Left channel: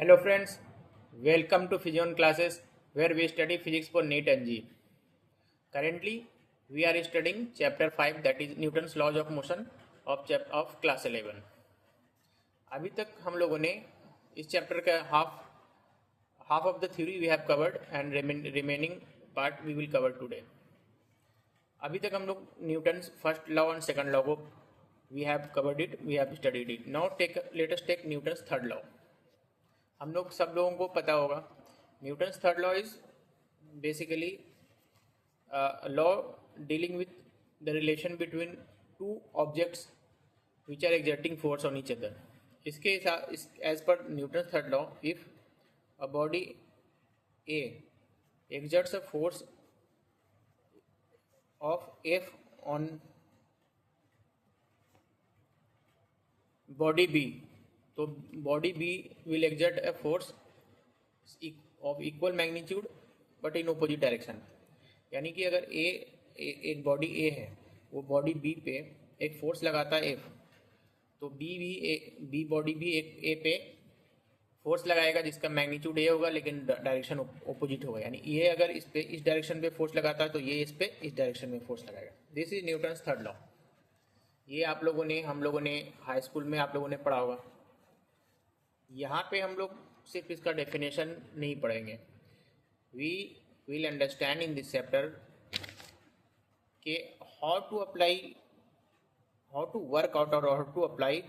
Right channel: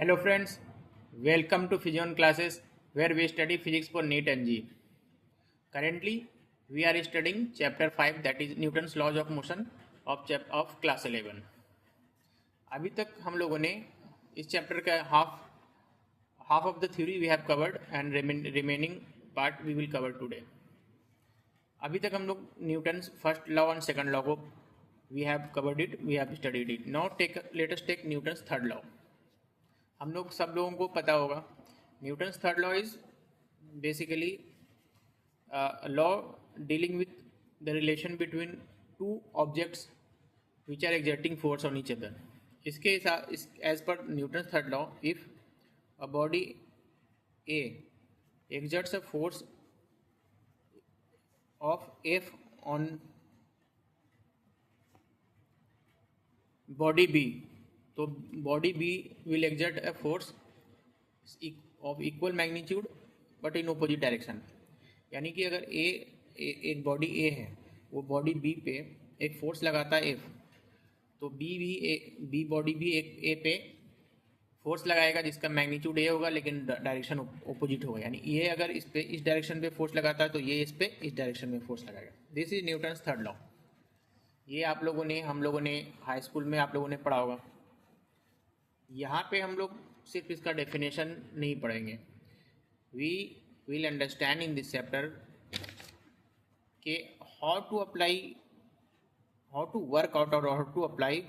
Hello friends, welcome to Physion classes where we study physics for NEET and JEE. Currently, we are studying chapter 5 that is Newton's laws of motion of class 11. अभी तक हम लोगों ने इस chapter का half of the theory we have covered and remaining part we will cover today. अभी तक हम लोग Newton's first law and second law को we have covered it, we have studied it. Now let us take Newton's third law. हम लोग सब लोगों को पता होगा Newton's third law is basically law dealing with the relation between two objects which are exerting force on each other. इसके as per Newton's third law if a body A exerts a force of F on body B, तो body B will exert a force of equal magnitude but in opposite direction. यानी कि अगर एक body ए है, वो body B पे एक force लगाता है एफ, तो बी बॉडी बी एक ए पे फोर्स लगाएगा जिसका मैग्नीट्यूड ए होगा लेकिन डायरेक्शन ओपोजिट होगा. यानी ये अगर इस पे इस डायरेक्शन पे फोर्स लगाता है तो ये इस पे इस डायरेक्शन में फोर्स लगाएगा. This is Newton's third law. ये हम लोगों ने हाई स्कूल में आप लोगों ने पढ़ा होगा. यहाँ पे हम लोग सिर्फ इसका डेफिनेशन नहीं पढ़ेंगे. We will understand in this chapter के हाउ टू वर्क आउट और how to apply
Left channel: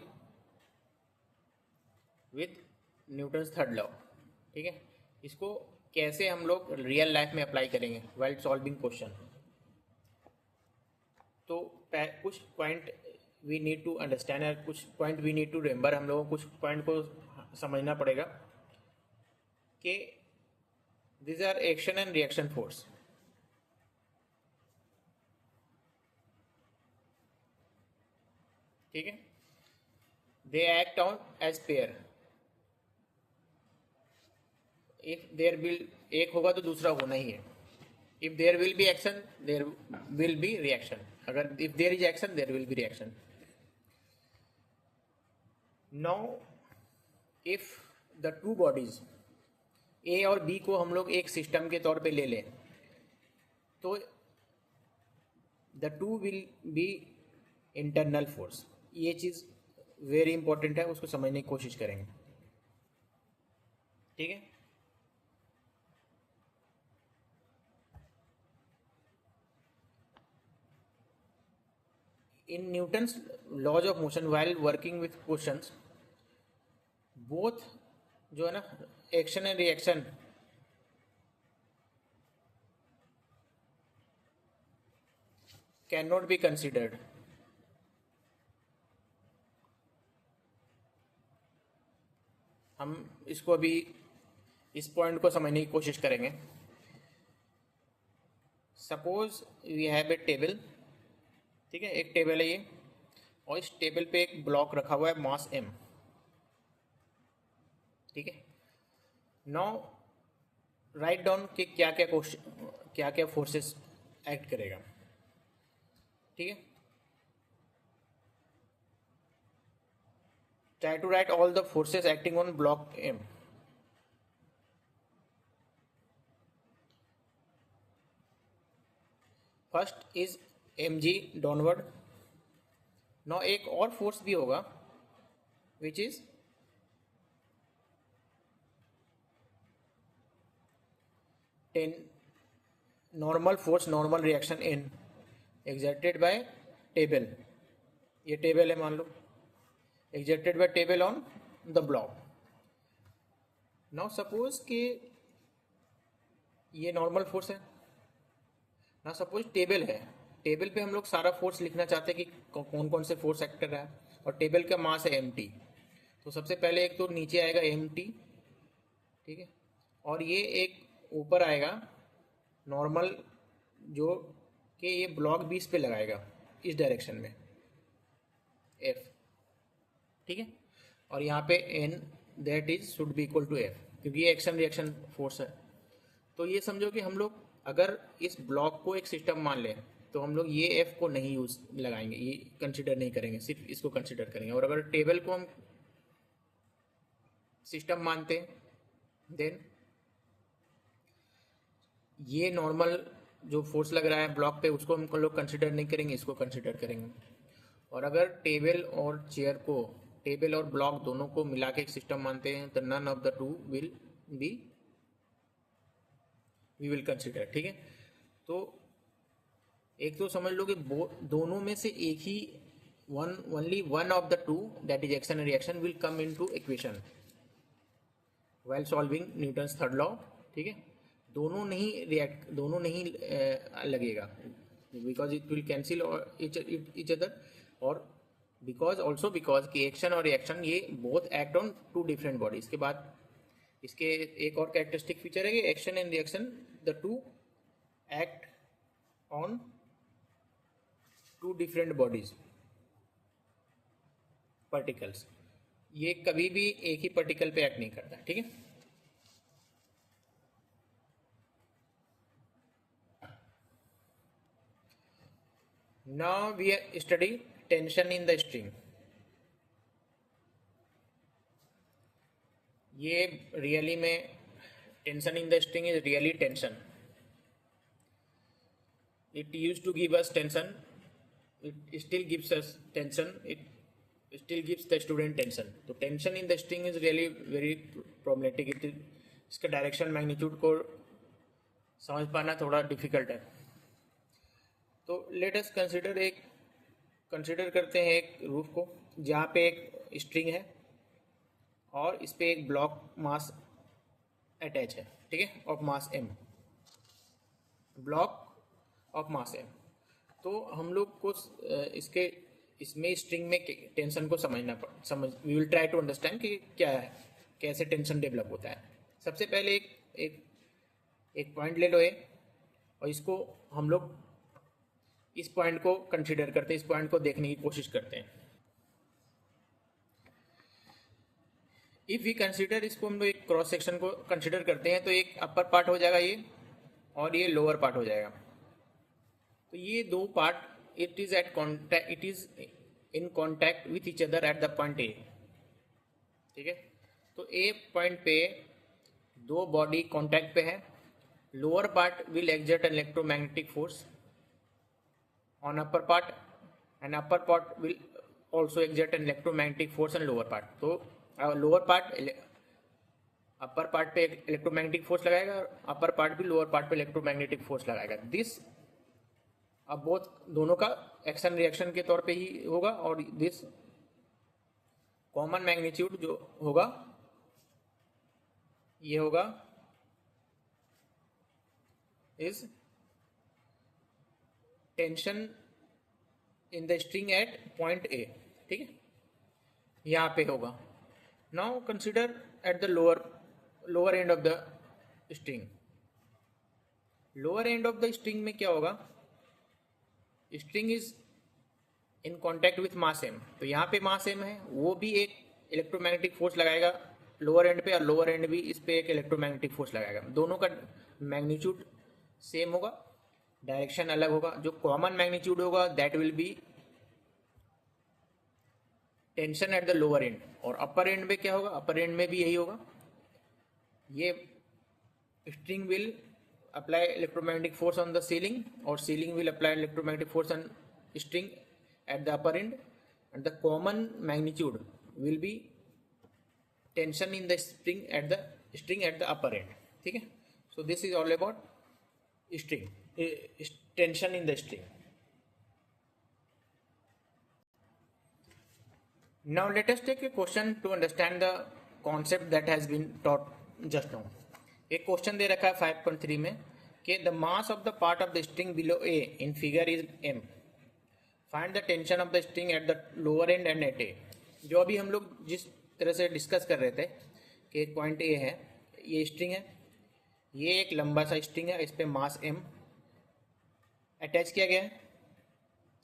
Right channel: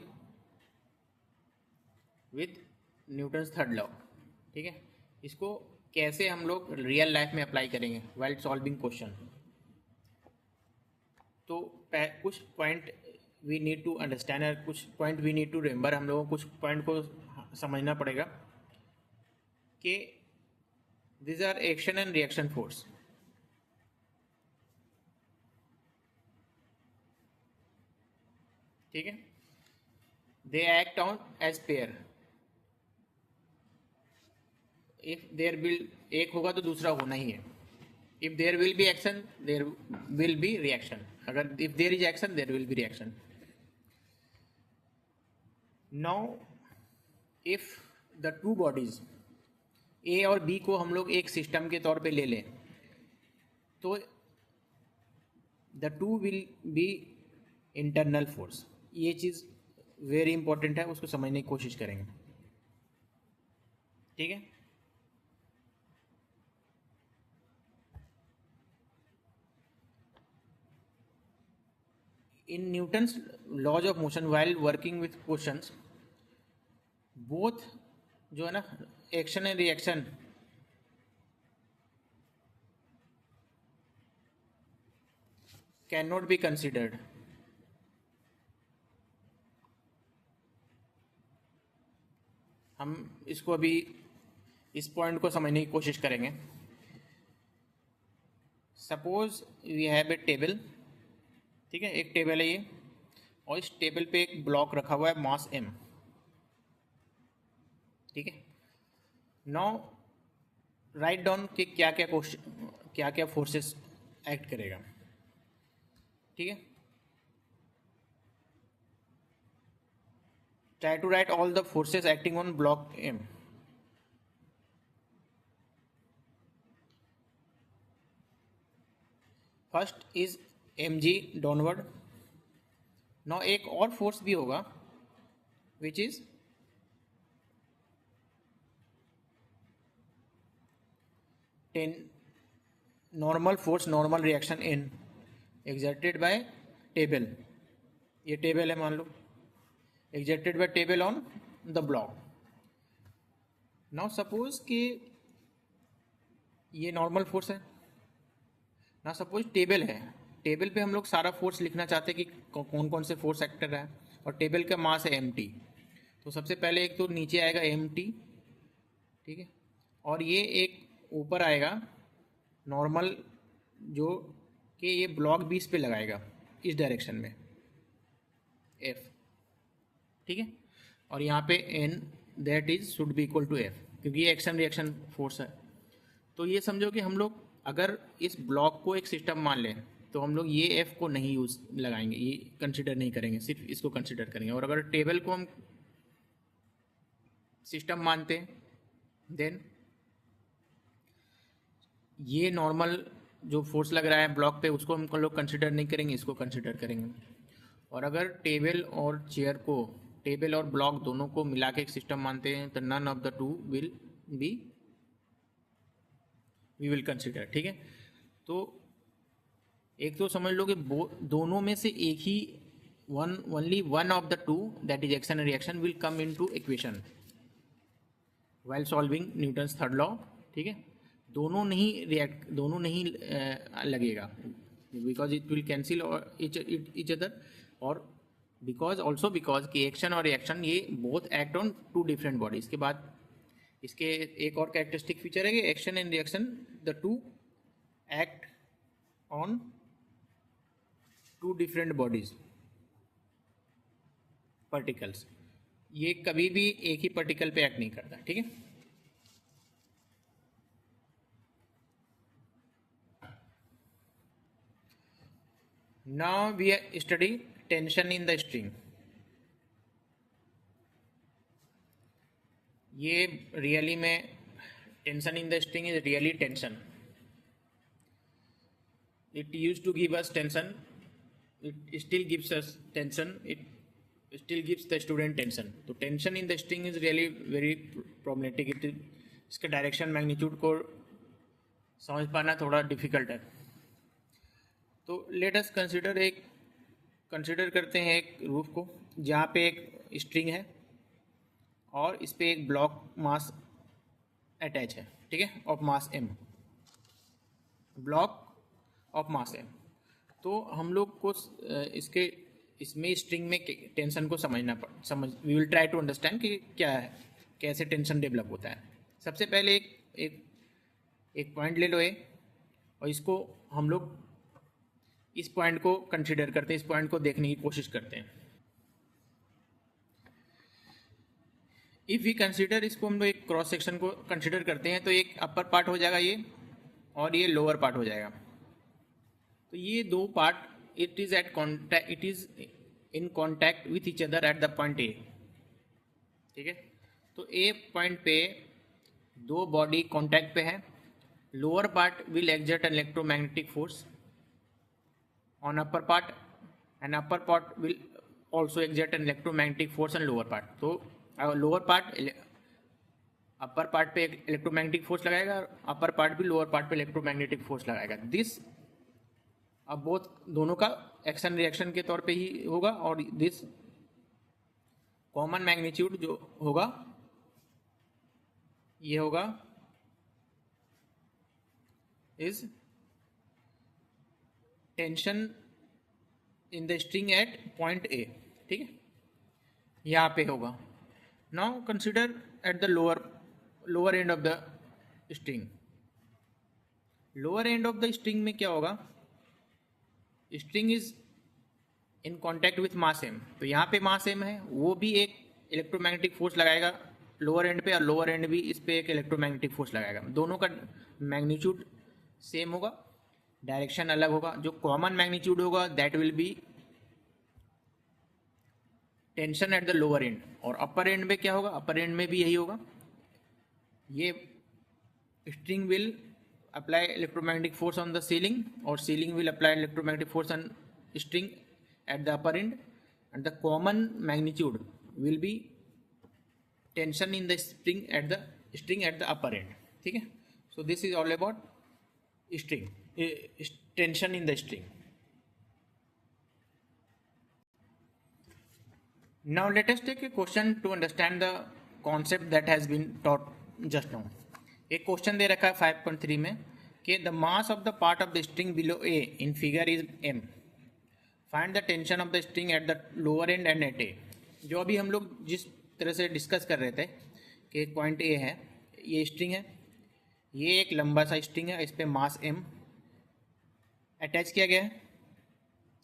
with Newton's third law. ठीक है, इसको कैसे हम लोग रियल लाइफ में अप्लाई करेंगे व्हाइल सॉल्विंग क्वेश्चन. तो कुछ point we need to understand और कुछ point we need to remember. हम लोगों को कुछ पॉइंट को समझना पड़ेगा कि this are action and reaction force. ठीक है, they act on each pair. If there will एक होगा तो दूसरा होना ही है. If there will be action there will be reaction. अगर if there is action there will be reaction. Now if the two bodies A और B को हम लोग एक सिस्टम के तौर पे ले लें तो the two will B internal force. ये चीज वेरी इंपॉर्टेंट है, उसको समझने की कोशिश करेंगे. ठीक है, in Newton's laws of motion while working with questions, both जो है ना action and reaction can not be considered. हम इसको अभी इस पॉइंट को समझने की कोशिश करेंगे. Suppose we have a table. ठीक है, एक टेबल है ये और इस टेबल पे एक ब्लॉक रखा हुआ है मास m. ठीक है, नाउ राइट डाउन कि क्या क्या फोर्सेस एक्ट करेगा. ठीक है, try to write all the forces acting on block m. First is mg downward. Now एक और फोर्स भी होगा which is normal force normal reaction in exerted by table. ये टेबल है मान लो, exerted by table on the block. Now suppose कि ये नॉर्मल फोर्स है. ना सपोज टेबल है, टेबल पे हम लोग सारा फोर्स लिखना चाहते हैं कि कौन कौन से फोर्स एक्ट कर रहा है. और टेबल का मास है mt. तो सबसे पहले एक तो नीचे आएगा mt. ठीक है, और ये एक ऊपर आएगा नॉर्मल जो कि ये ब्लॉक बीस पे लगाएगा इस डायरेक्शन में f. ठीक है, और यहाँ पे n that is should be equal to f क्योंकि ये एक्शन रिएक्शन फोर्स है. तो ये समझो कि हम लोग अगर इस ब्लॉक को एक सिस्टम मान लें तो हम लोग ये एफ को नहीं यूज लगाएंगे, ये कंसिडर नहीं करेंगे, सिर्फ इसको कंसिडर करेंगे. और अगर टेबल को हम सिस्टम मानते हैं, देन ये नॉर्मल जो फोर्स लग रहा है ब्लॉक पे उसको हम लोग कंसिडर नहीं करेंगे, इसको कंसिडर करेंगे। और अगर टेबल और ब्लॉक दोनों को मिला के एक सिस्टम मानते हैं तो none of the two will be we will consider, ठीक है। तो एक तो समझ लो कि दोनों में से एक ही only one of the two that is action and reaction will come into equation while solving Newton's third law, ठीक है। दोनों नहीं लगेगा because it will cancel each other, और बिकॉज कि एक्शन और रिएक्शन ये both act on two different body. इसके बाद इसके एक और कैरेक्टरिस्टिक फीचर है कि action and reaction the two act on two different bodies particles, ये कभी भी एक ही पार्टिकल पे एक्ट नहीं करता, ठीक है। Now we study tension in the string. ये रियली में tension in the string is really tension. It used to give us tension. It still gives us tension. It still gives the student tension. तो tension in the string is really very problematic. इसके direction magnitude को समझ पाना थोड़ा difficult है। तो let us consider करते हैं एक रूफ को जहाँ पे एक स्ट्रिंग है और इस पे एक ब्लॉक मास अटैच है, ठीक है, of mass m, block of mass m। तो हम लोग को इसमें स्ट्रिंग में टेंशन को we will try to understand कि क्या है, कैसे टेंशन डेवलप होता है। सबसे पहले एक पॉइंट ले लो और इसको हम लोग इस पॉइंट को कंसीडर करते हैं, इस पॉइंट को देखने की कोशिश करते हैं। इफ वी कंसीडर, इसको हम लोग एक क्रॉस सेक्शन को कंसीडर करते हैं तो एक अपर पार्ट हो जाएगा ये और ये लोअर पार्ट हो जाएगा। तो ये दो part it is in contact with each other at the point A, ठीक है। तो ए पॉइंट पे दो बॉडी कॉन्टैक्ट पे है। Lower part will exert an electromagnetic force on upper part and upper part will also exert an electromagnetic force on lower part. तो lower part upper part पे electromagnetic force लगाएगा, upper part भी lower part पे electromagnetic force लगाएगा। This अब दोनों का action reaction के तौर पे ही होगा और दिस कॉमन मैग्नीट्यूड जो होगा ये होगा is tension in the string at point A, ठीक है, यहाँ पे होगा। Now consider at the lower end of the string. Lower end of the string में क्या होगा, string is in contact with mass m। तो यहाँ पे मास m है, वो भी एक इलेक्ट्रोमैग्नेटिक फोर्स लगाएगा लोअर एंड पे और लोअर एंड भी इस पे एक इलेक्ट्रोमैग्नेटिक फोर्स लगाएगा। दोनों का मैग्नीट्यूड सेम होगा, डायरेक्शन अलग होगा। जो कॉमन मैग्नीट्यूड होगा that will be tension at the lower and. और अपर एंड में क्या होगा, अपर एंड में भी यही होगा। ये string will apply electromagnetic force on the ceiling or ceiling will apply electromagnetic force on string at the upper end, and the common magnitude will be tension in the string at the upper end, ठीक है। So this is all about string, tension in the string. Now let us take a question to understand the concept that has been taught just now. एक question दे रखा है 5.3 में कि the mass of the part of the string below A in figure is m, find the tension of the string at the lower end and at A. जो अभी हम लोग जिस तरह से डिस्कस कर रहे थे कि एक पॉइंट ए है, ये स्ट्रिंग है, ये एक लंबा सा स्ट्रिंग है, इस पे मास m अटैच किया गया है,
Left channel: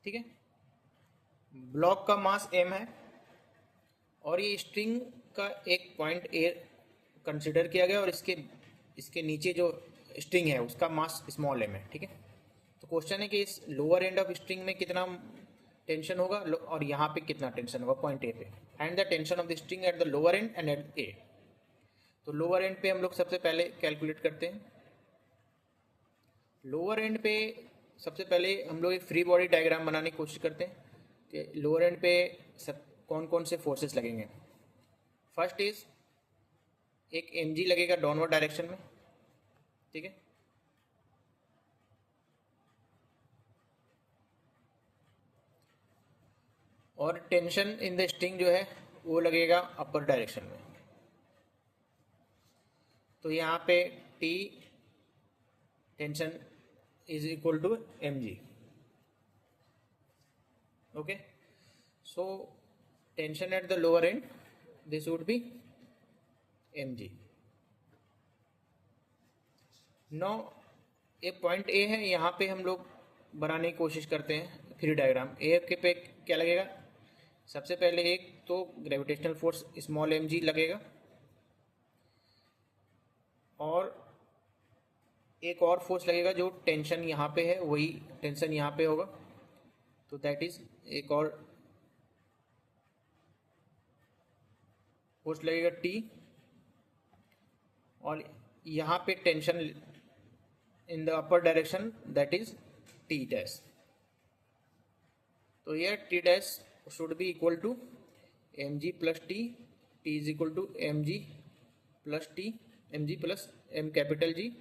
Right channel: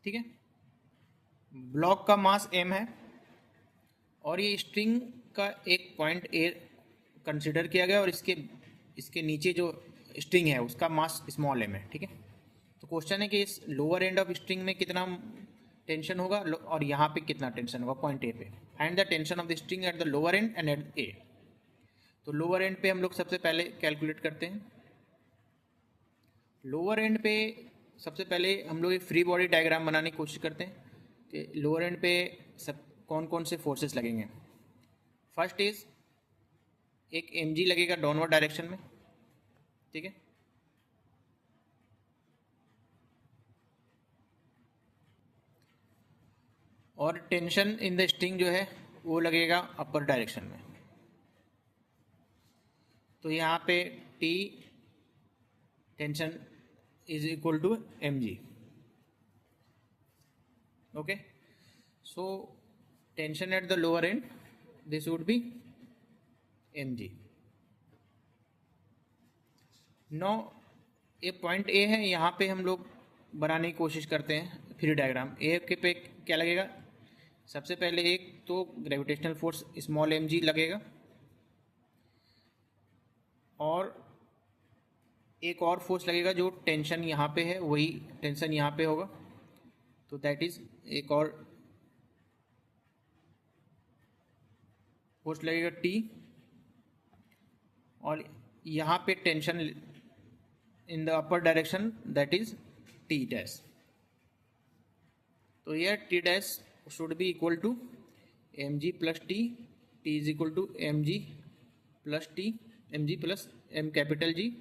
ठीक है। ब्लॉक का मास m है और ये स्ट्रिंग का एक पॉइंट ए कंसिडर किया गया और इसके नीचे जो स्ट्रिंग है उसका मास स्मॉल m है, ठीक है। तो क्वेश्चन है कि इस लोअर एंड ऑफ स्ट्रिंग में कितना टेंशन होगा और यहाँ पे कितना टेंशन होगा पॉइंट ए पे। Find the tension of the string at the lower end and at A. तो लोअर एंड पे हम लोग सबसे पहले कैलकुलेट करते हैं। लोअर एंड पे सबसे पहले हम लोग एक फ्री बॉडी डायग्राम बनाने की कोशिश करते हैं कि लोअर एंड पे सब कौन कौन से फोर्सेस लगेंगे। फर्स्ट इज एक mg लगेगा डाउनवर्ड डायरेक्शन में, ठीक है। और टेंशन इन द स्ट्रिंग जो है वो लगेगा अपर डायरेक्शन में। तो यहाँ पे T tension is equal to mg। Okay, so tension at the lower end this would be mg। No एक पॉइंट ए है, यहाँ पे हम लोग बनाने की कोशिश करते हैं फ्री डायग्राम। ए के पे क्या लगेगा, सबसे पहले एक तो ग्रेविटेशनल फोर्स स्मॉल mg लगेगा, और एक और फोर्स लगेगा जो टेंशन यहाँ पे है वही टेंशन यहाँ पे होगा, तो दैट इज एक और फोर्स लगेगा T, और यहाँ पे tension in the upper direction that is T dash. तो यह T dash should be equal to mg plus T, T is equal to mg plus T, mg plus m capital G।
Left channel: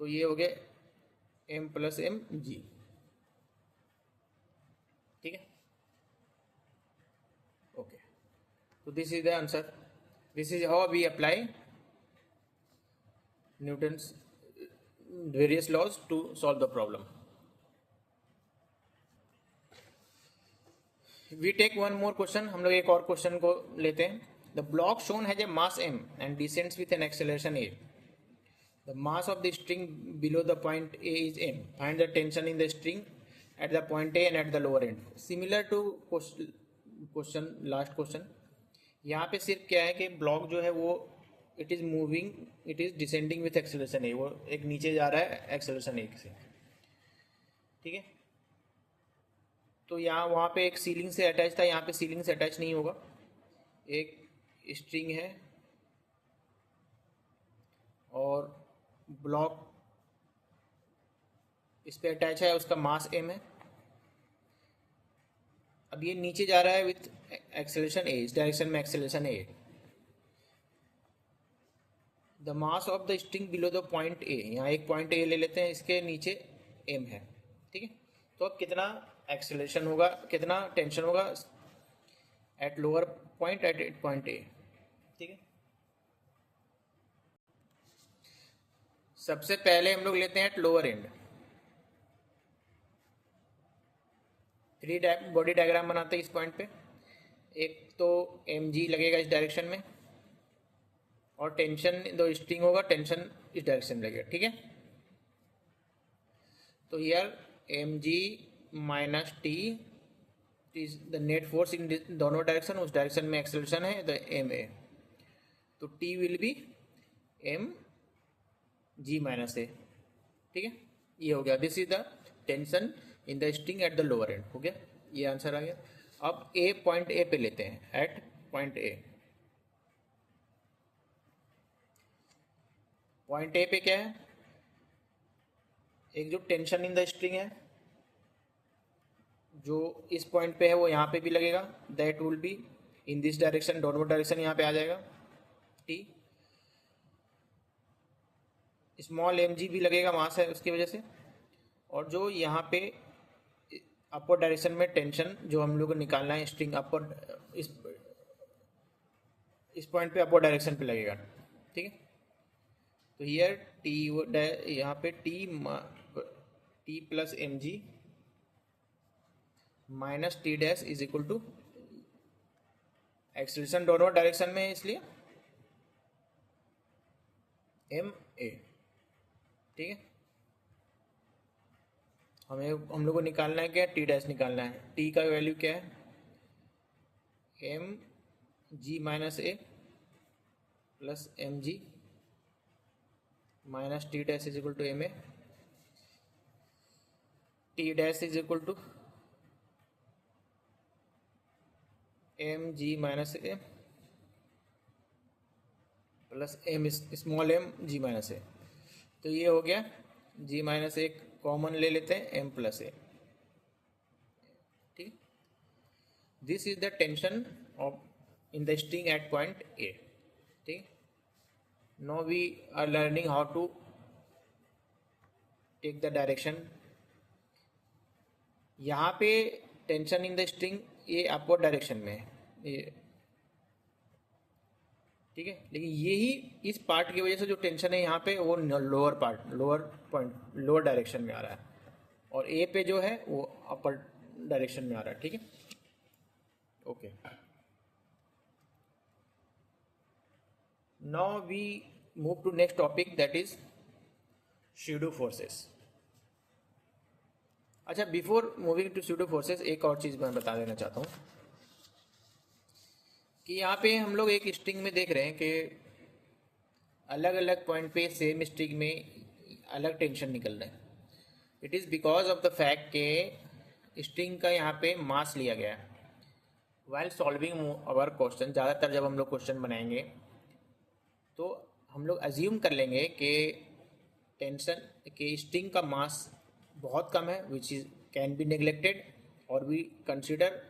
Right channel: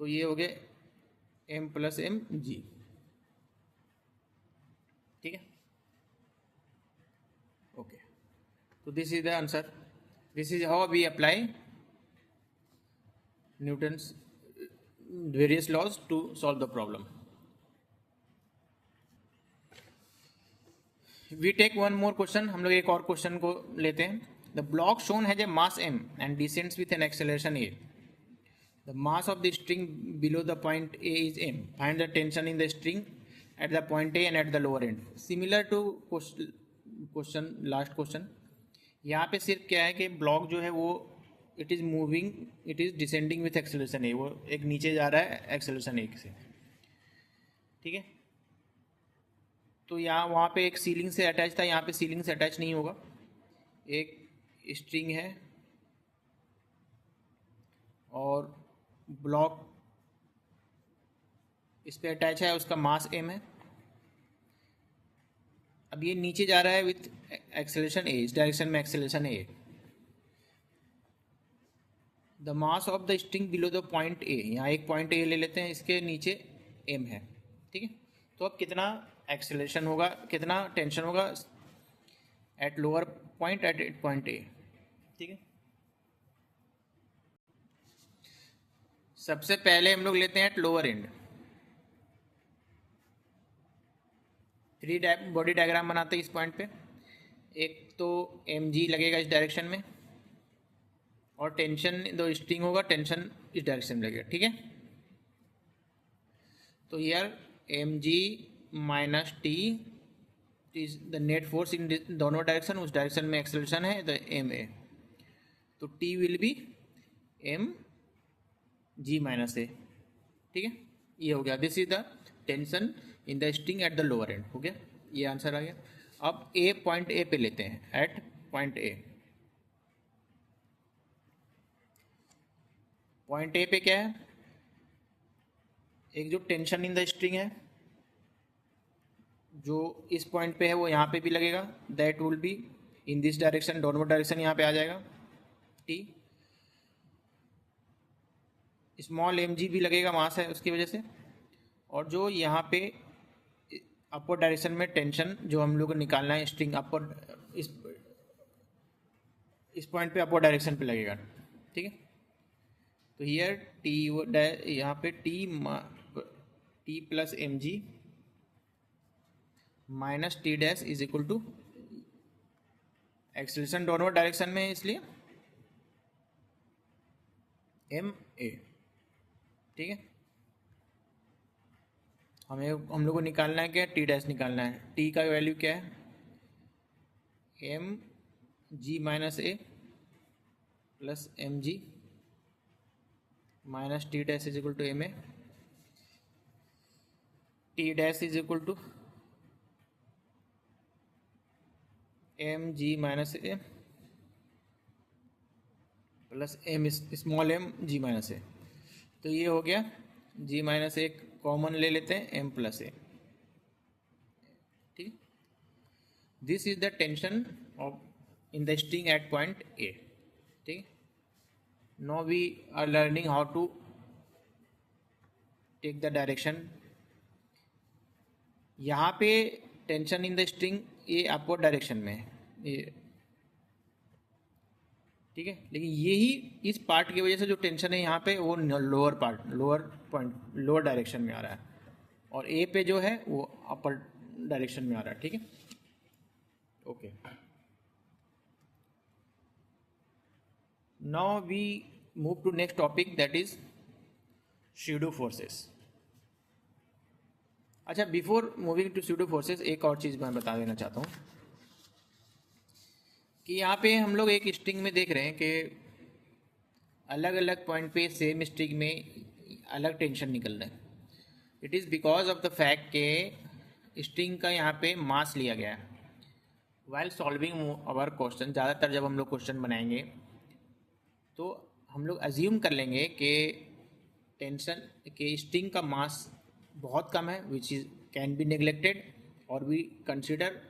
तो ये हो गया m plus m g, ठीक है। Okay, तो this is the answer. This is how we apply Newton's various laws to solve the problem. We take one more question, हम लोग एक और क्वेश्चन को लेते हैं। The block shown has a mass m and descends with an acceleration a. The mass of the string below the point A is m. Find the tension in the string at the point A and at the lower end. Similar to question last question. यहाँ पे सिर्फ क्या है कि block जो है वो it is moving, it is descending with acceleration a, वो एक नीचे जा रहा है एक्सेलरेशन ए से, ठीक है। तो यहाँ वहाँ पे एक सीलिंग से अटैच था, यहाँ पे सीलिंग से अटैच नहीं होगा। एक स्ट्रिंग है और ब्लॉक इस पे अटैच है, उसका मास m है। अब ये नीचे जा रहा है विथ एक्सेलरेशन a, इस डायरेक्शन में acceleration a। The mass of the string below the point a, यहाँ एक पॉइंट a ले लेते हैं, इसके नीचे m है, ठीक है। तो अब कितना एक्सेलरेशन होगा, कितना टेंशन होगा at lower point at point a, ठीक है। सबसे पहले हम लोग लेते हैं at lower end. Free body diagram बनाते हैं इस पॉइंट पे। एक तो mg लगेगा इस डायरेक्शन में, और टेंशन जो स्ट्रिंग होगा टेंशन इस डायरेक्शन में लगेगा, ठीक है। तो यार mg minus T is the net force in दोनों डायरेक्शन, उस डायरेक्शन में एक्सेलरेशन है तो m है, तो t will be m g minus a, ठीक है। ये हो गया, this is the tension in the string at the lower end, हो गया, ये आंसर आ गया। अब ए पॉइंट ए पे लेते हैं, at point A. Point A पे क्या है, एक जो टेंशन इन द स्ट्रिंग है जो इस पॉइंट पे है वो यहाँ पे भी लगेगा, that will be in this direction, downward direction यहाँ पे आ जाएगा टी। स्मॉल mg भी लगेगा वहाँ से उसकी वजह से, और जो यहाँ पे अपर डायरेक्शन में टेंशन जो हम लोग को निकालना है स्ट्रिंग अपर, इस पॉइंट पे अपर डायरेक्शन पे लगेगा, ठीक है। तो हियर टी, यहाँ पे T plus mg minus T dash is equal to acceleration downward direction में है इसलिए m a, ठीक है। हम लोग को निकालना है क्या, टी डैश निकालना है। टी का वैल्यू क्या है, mg minus A plus mg minus T dash is equal to M A. T dash is equal to mg minus A plus M small M G minus A. तो ये हो गया, जी minus ए common ले लेते हैं, M plus A. ठीक, this is the tension of in the string at point A. ठीक, now we are learning how to take the direction. यहाँ पे टेंशन इन द स्ट्रिंग ये अपवर्ड डायरेक्शन में है ये, ठीक है, लेकिन यही इस पार्ट की वजह से जो टेंशन है यहाँ पे वो lower part, lower point, lower direction में आ रहा है, और ए पे जो है वो अपर डायरेक्शन में आ रहा है। ठीक है, okay. Now we move to next topic, that is pseudo forces. अच्छा, before moving to pseudo forces एक और चीज़ मैं बता देना चाहता हूँ कि यहाँ पे हम लोग एक स्ट्रिंग में देख रहे हैं कि अलग अलग पॉइंट पे सेम स्ट्रिंग में अलग टेंशन निकल रहा है। It is because of the fact के स्ट्रिंग का यहाँ पे मास लिया गया है। वाइल सॉल्विंग अवर क्वेश्चन, ज़्यादातर जब हम लोग क्वेश्चन बनाएंगे तो हम लोग अज्यूम कर लेंगे कि टेंशन के स्ट्रिंग का मास बहुत कम है, which is can be neglected, और we consider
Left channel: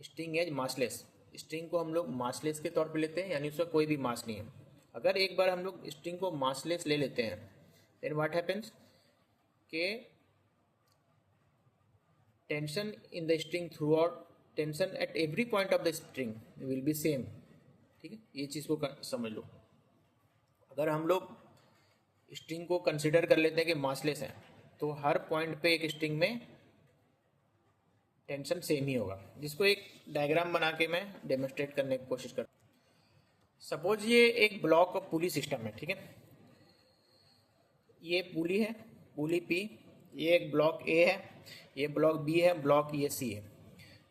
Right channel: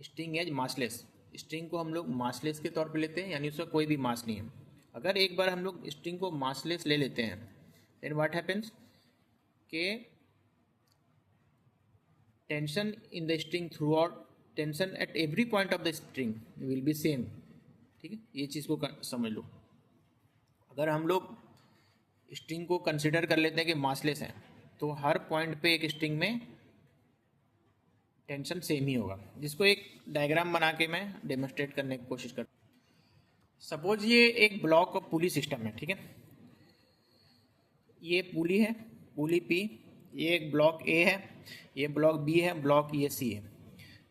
string as massless. String को हम लोग मासलेस के तौर पे लेते हैं, यानी उसका कोई भी मास नहीं है। अगर एक बार हम लोग स्ट्रिंग को मासलेस ले लेते हैं, देन व्हाट हैपेंस के tension in the string through out, tension at every point of the string will be same. ठीक है, ये चीज़ को समझ लो। अगर हम लोग स्ट्रिंग को कंसिडर कर लेते हैं कि मासलेस है, तो हर पॉइंट पे एक स्ट्रिंग में टेंशन सेम ही होगा, जिसको एक डायग्राम बना के मैं डेमोन्स्ट्रेट करने की कोशिश करता हूँ। सपोज ये एक ब्लॉक ऑफ पुली सिस्टम है, ठीक है, ये पुली है, पुली पी, ये एक ब्लॉक ए है, ये ब्लॉक बी है, ब्लॉक ये सी है।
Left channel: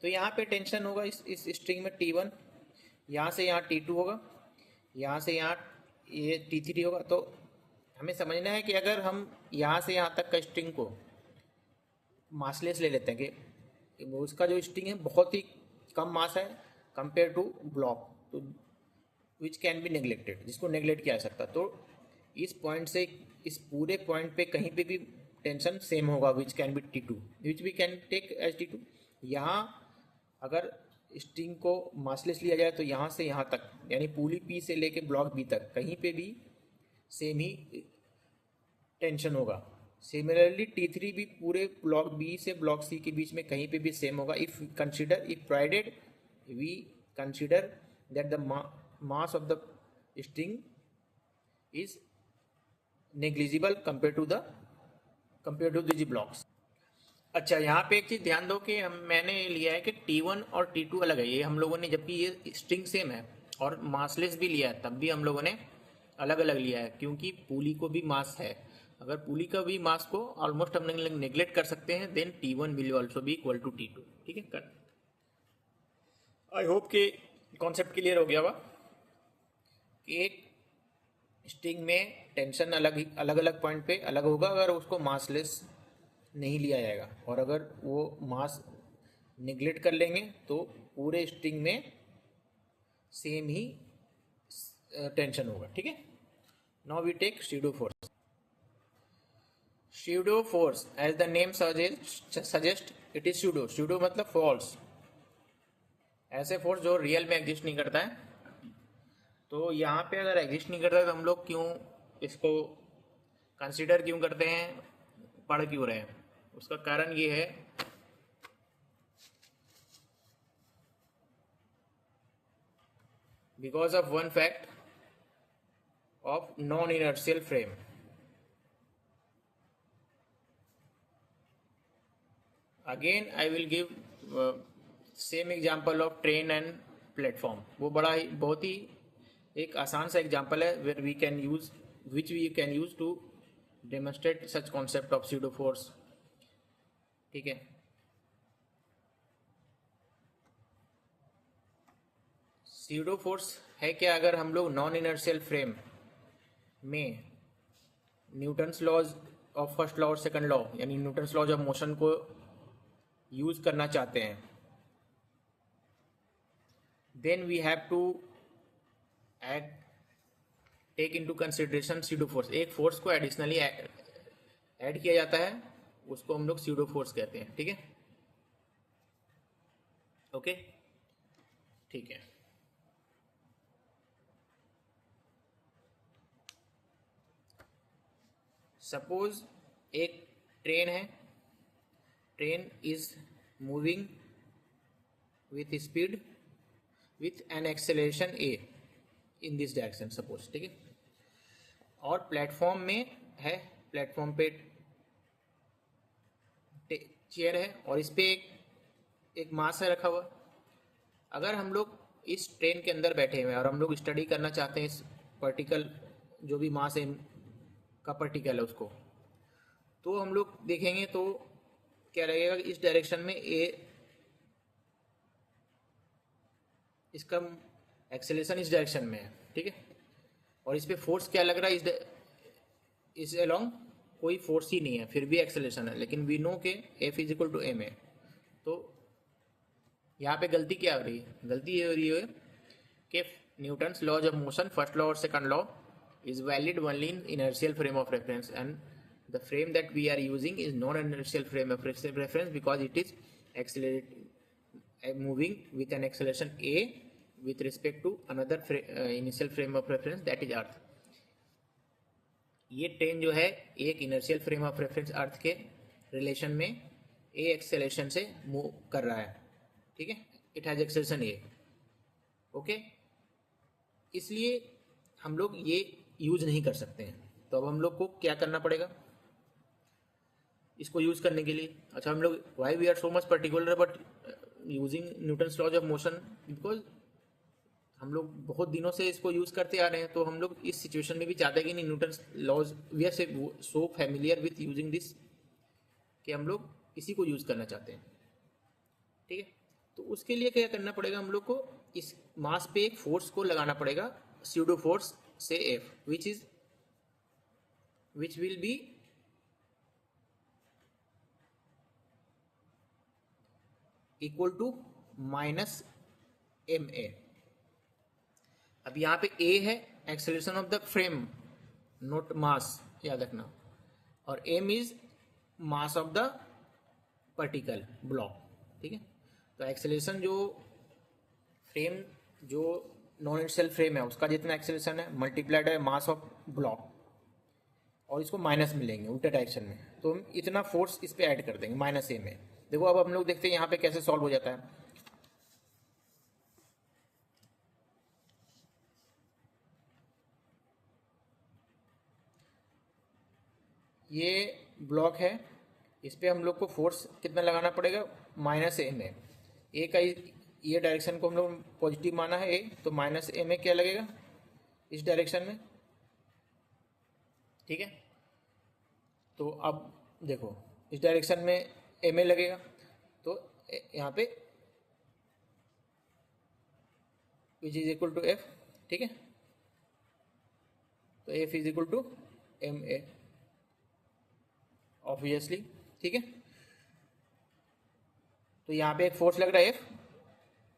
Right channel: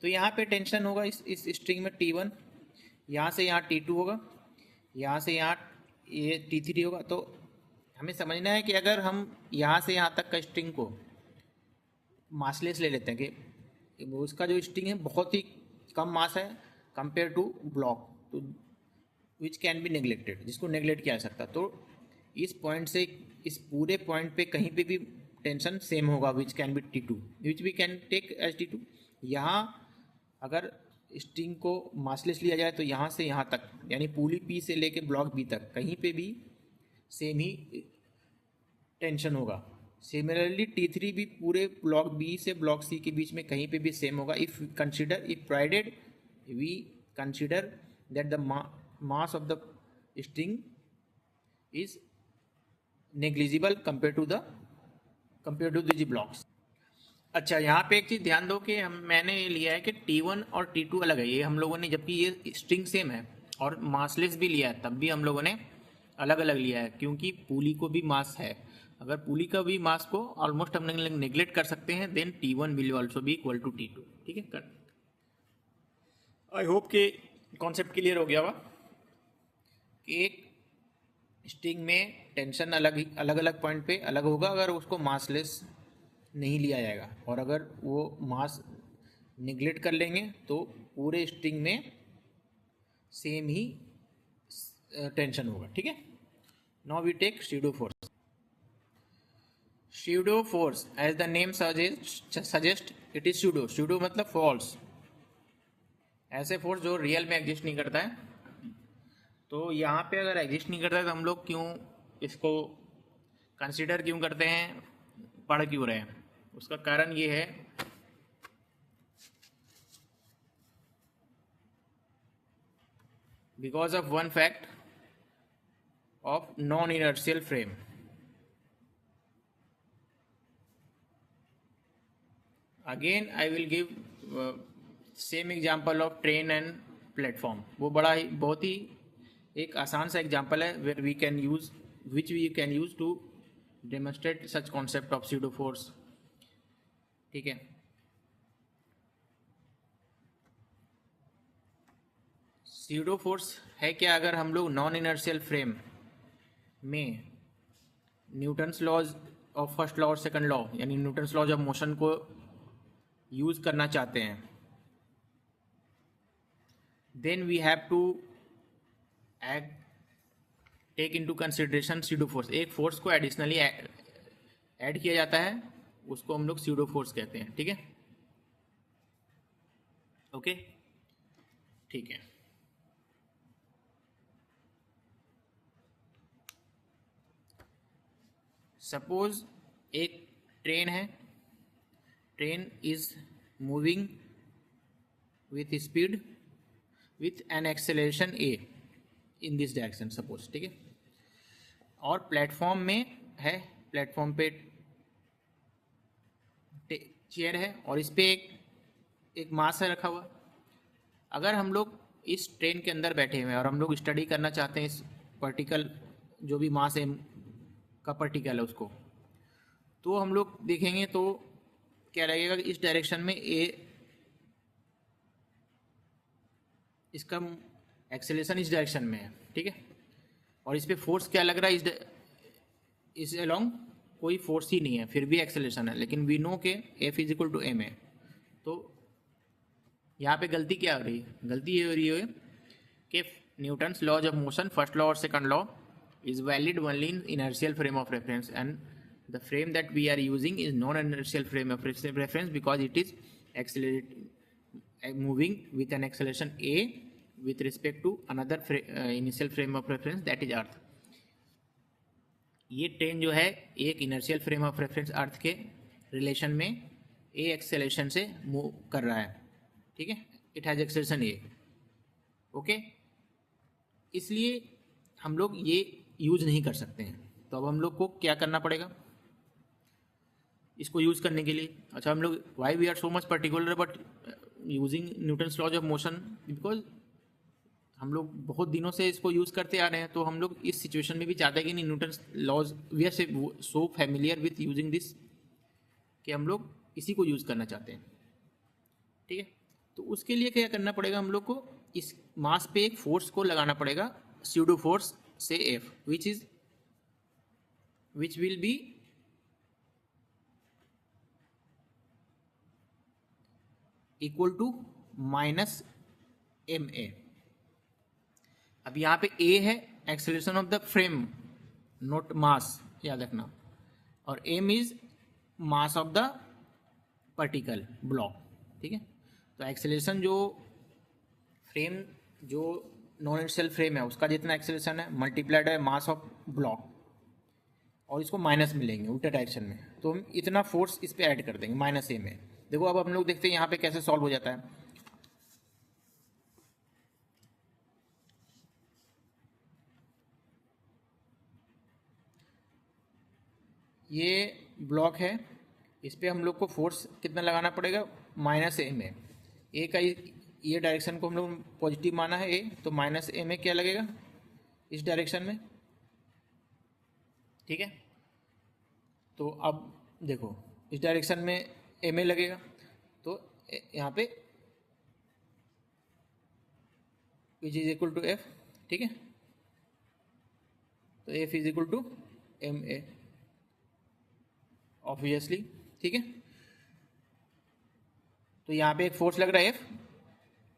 तो यहाँ पे टेंशन होगा इस स्ट्रिंग में T1, यहाँ से यहाँ T2 होगा, यहाँ से यहाँ ये T3 होगा। तो हमें समझना है कि अगर हम यहाँ से यहाँ तक का स्ट्रिंग को मासलेस ले लेते हैं कि उसका जो स्ट्रिंग है बहुत ही कम मास है कंपेयर टू ब्लॉक, तो विच कैन बी नेग्लेक्टेड, जिसको नेग्लेक्ट किया जा सकता। तो इस पॉइंट से इस पूरे पॉइंट पे कहीं पे भी टेंशन सेम होगा, which can be T2, which we can take as T2। यहाँ अगर स्ट्रिंग को मासलेस लिया जाए तो यहाँ से यहाँ तक, यानी पुली पी से लेके ब्लॉक बी तक कहीं पे भी सेम ही टेंशन होगा। सिमिलरली T3 भी पूरे ब्लॉक बी से ब्लॉक सी के बीच में कहीं पे भी सेम होगा, if consider, if provided we consider that the mass of the string is negligible compare to the blocks. अच्छा, यहाँ पे एक चीज़ ध्यान दो कि मैंने ये लिया है कि T1 और T2 अलग है, ये हम लोगों ने, जबकि ये स्ट्रिंग सेम है और मासलेस भी लिया है, तब भी हम लोगों ने अलग अलग लिया है, क्योंकि पुली को भी मास है। अगर पुली का भी मास को ऑलमोस्ट हम नेग्लेक्ट कर सकते हैं, then T1 will also be equal to T2। ठीक है, आई होप कि कॉन्सेप्ट क्लियर हो गया होगा कि एक स्ट्रिंग में टेंशन अलग अलग पॉइंट पे अलग होगा अगर उसको मासलेस नहीं लिया जाएगा, और अगर वो मास निगलेक्ट कर लेंगे तो पूरे स्ट्रिंग में सेम ही टेंशन होगा। ठीक है, now we take pseudo force. Pseudo force as the name suggest it is pseudo. Pseudo मतलब फॉल्स, ऐसे फोर्स जो रियल में एग्जिस्ट नहीं करता है। तो यहाँ पे अगर एग्जिस्ट नहीं करता है तो हम लोग क्यों इसको कंसिडर क्यों करते हैं, पढ़ क्यों रहे हैं? उसका कारण ये है because of one fact of non inertial frame. Again I will give same example of train and platform. वो बड़ा ही बहुत ही एक आसान सा एग्जाम्पल है where we can use which we can use to demonstrate such concept of pseudo force. ठीक है, pseudo force है क्या? अगर हम लोग नॉन इनर्शियल फ्रेम में Newton's laws of first law और सेकंड लॉ, यानी न्यूटन्स लॉज ऑफ मोशन को यूज करना चाहते हैं, then we have to act take into consideration pseudo force, एक फोर्स को एडिशनली ऐड किया जाता है, उसको हम लोग स्यूडो फोर्स कहते हैं। ठीक है, ओके, ठीक है। सपोज एक ट्रेन है, train is moving with speed with an acceleration A in this direction suppose, ठीक है। और प्लेटफॉर्म में है, प्लेटफॉर्म पे चेयर है और इस पे एक मास है रखा हुआ। अगर हम लोग इस ट्रेन के अंदर बैठे हुए हैं और हम लोग स्टडी करना चाहते हैं इस पर्टिकल जो भी मास है का पर्टिकल है उसको, तो हम लोग देखेंगे तो क्या लगेगा, इस डायरेक्शन में ए, इसका एक्सेलेरेशन इस डायरेक्शन में है, ठीक है। और इस पे फोर्स क्या लग रहा है, इस अलोंग कोई फोर्स ही नहीं है, फिर भी एक्सेलेरेशन है, लेकिन वी नो के F is equal to M है। तो यहाँ पे गलती क्या हो रही है, गलती ये हो रही है कि Newton's laws of motion first law और second law is valid only in inertial frame of reference, and the frame that we are using is non-inertial frame of reference because it is moving with an acceleration a with respect to another initial frame of reference that is earth. ये train जो है एक inertial frame of reference अर्थ के relation में ए acceleration से move कर रहा है, ठीक है। It has acceleration A, okay. इसलिए हम लोग ये यूज नहीं कर सकते हैं। तो अब हम लोग को क्या करना पड़ेगा इसको यूज करने के लिए? अच्छा, हम लोग why we are so much particular but using Newton's laws of motion, because हम लोग बहुत दिनों से इसको यूज करते आ रहे हैं। तो हम लोग इस सिचुएशन में भी चाहते हैं कि नहीं, Newton's laws we are so familiar with using this कि हम लोग इसी को यूज करना चाहते हैं, ठीक है। तो उसके लिए क्या करना पड़ेगा, हम लोग को इस मास पे एक फोर्स को लगाना पड़ेगा, स्यूडो फोर्स से F, which will be equal to minus ma। अब यहाँ पे a है acceleration of the frame, not मास, याद रखना, और m is mass of the particle block, ठीक है। तो एक्सेलरेशन जो फ्रेम, जो नॉन इनर्शियल फ्रेम है उसका जितना एक्सेलरेशन है मल्टीप्लाइड है मास ऑफ ब्लॉक, और इसको माइनस मिलेंगे उल्टा डायरेक्शन में, तो हम इतना फोर्स इस पे ऐड कर देंगे माइनस ए में। देखो अब हम लोग देखते हैं यहाँ पे कैसे सॉल्व हो जाता है। ये ब्लॉक है, इस पे हम लोग को फोर्स कितना लगाना पड़ेगा, माइनस ए में। ए का ये डायरेक्शन को हम लोग पॉजिटिव माना है ए, तो माइनस ए में क्या लगेगा इस डायरेक्शन में, ठीक है। तो अब देखो इस डायरेक्शन में एम ए लगेगा, तो यहाँ पे which is equal to F, ठीक है। तो F is equal to M A obviously, ठीक है। तो यहाँ पे एक फोर्स लग रहा है F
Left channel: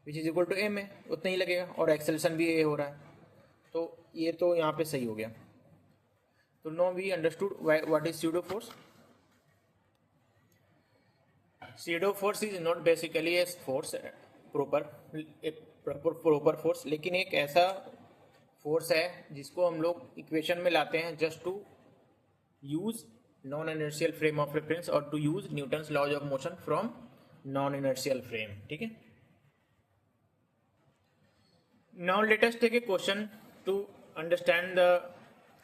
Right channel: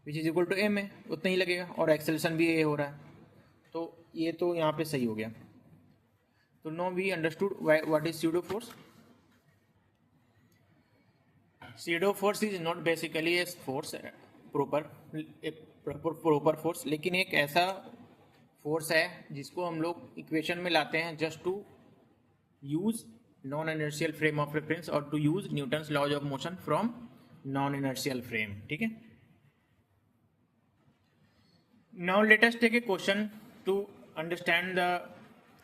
which is equal to M A, उतना ही लगेगा, और एक्सेलरेशन भी ए हो रहा है, तो ये तो यहाँ पे सही हो गया। तो now we understood what is pseudo force. Pseudo force is not basically a force proper force, लेकिन एक ऐसा फोर्स है जिसको हम लोग इक्वेशन में लाते हैं just to use non inertial frame of reference और to use Newton's laws of motion from non inertial frame, ठीक है। Now let us take a question to understand the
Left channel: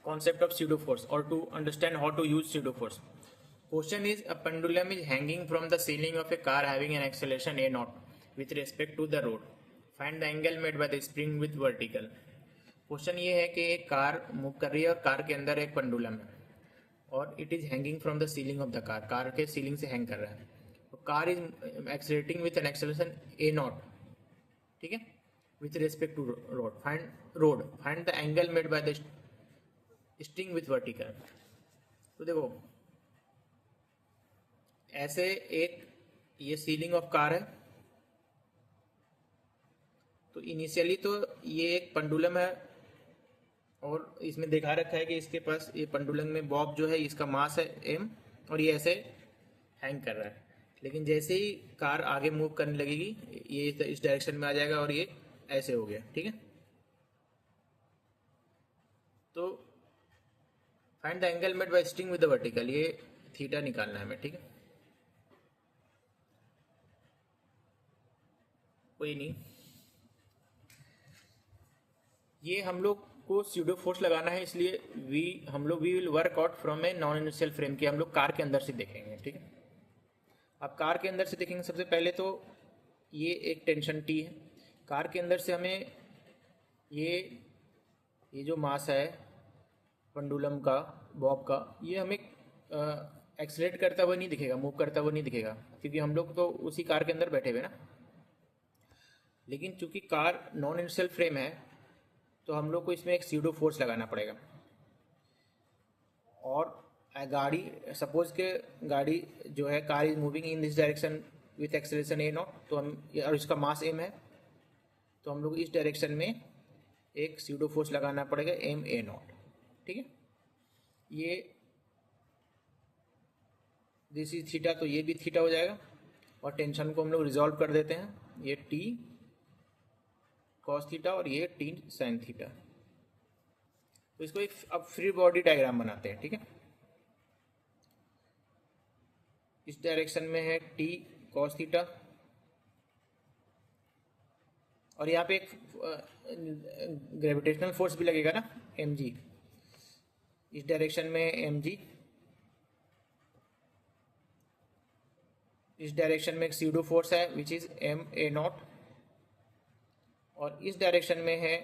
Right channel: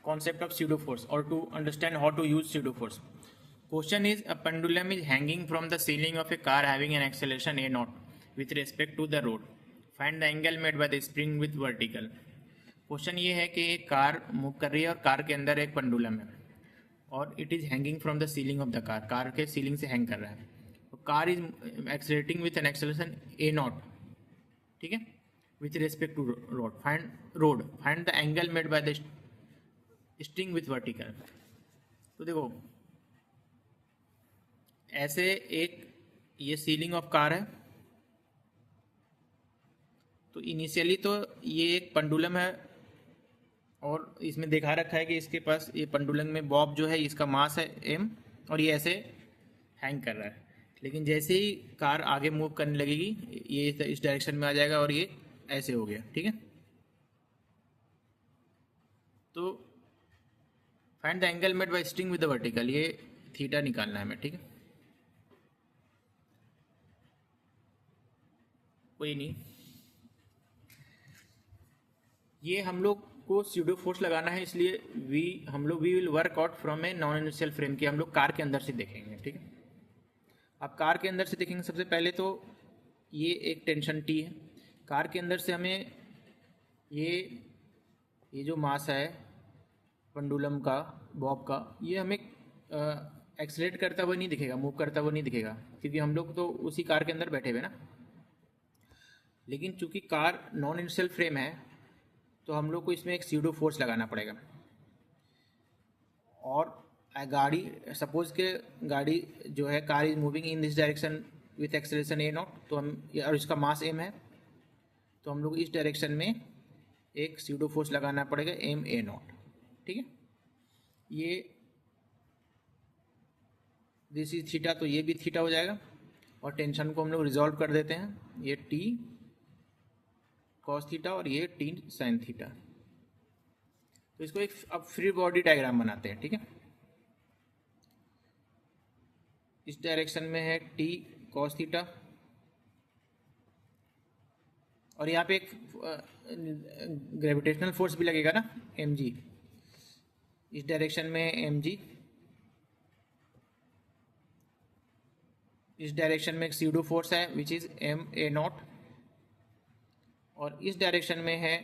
concept of pseudo force or to understand how to use pseudo force. Question is, a pendulum is hanging from the ceiling of a car having an acceleration a naught with respect to the road. Find the angle made by the spring with vertical. Question ये है कि एक car move कर रही है और car के अंदर एक पेंडुलम है और it is hanging from the ceiling of the car, car के सीलिंग से हैंग कर रहा है। तो car is accelerating with an acceleration A naught, ठीक है, with respect to road. Find the angle made by the string with vertical. तो देखो ऐसे एक ये सीलिंग ऑफ कार है, तो इनिशियली तो ये एक पेंडुलम है और इसमें दिखा रखा है कि इसके पास ये पेंडुलम में बॉब जो है इसका मास है m और ये ऐसे हैंग कर रहा है। लेकिन जैसे ही कार आगे मूव करने लगेगी ये इस डायरेक्शन में आ जाएगा और ये ऐसे हो गया। ठीक है, तो find the angle made bye sting with the vertical, ये थीटा निकालना है हमें। ठीक है, कोई नहीं, ये हम लोग को स्यूडो फोर्स लगाना है, इसलिए we will work out from a non inertial frame के हम लोग कार के अंदर से देखेंगे। ठीक है, अब कार के अंदर से देखेंगे। सबसे पहले तो ये एक टेंशन टी है। कार के अंदर से हमें ये जो मास है पेंडुलम का, बॉब का, ये हमें एक्सलेट करता हुआ नहीं दिखेगा, मूव करता हुआ नहीं दिखेगा, क्योंकि हम लोग तो उसी कार के अंदर बैठे हुए ना। लेकिन चूंकि कार नॉन इनिशियल फ्रेम है तो हम लोग को इसमें एक स्यूडो फोर्स लगाना पड़ेगा। और गाड़ी, सपोज के गाड़ी जो है, car is moving in this direction with acceleration A not, तो हम, और इसका मास m है, तो हम लोग इस डायरेक्शन में एक स्यूडो फोर्स लगाना पड़ेगा m a नॉट। ठीक है, ये दिस इज थीटा, तो ये भी थीटा हो जाएगा। और टेंशन को हम लोग रिजॉल्व कर देते हैं, ये t कॉस थीटा और ये t साइन थीटा। तो इसको एक अब फ्री बॉडी डायग्राम बनाते हैं। ठीक है, इस डायरेक्शन में है t कॉस थीटा और यहाँ पे एक ग्रेविटेशनल फोर्स भी लगेगा ना, mg। इस डायरेक्शन में है mg, इस डायरेक्शन में एक स्यूडो फोर्स है which is m a naught, और इस डायरेक्शन में है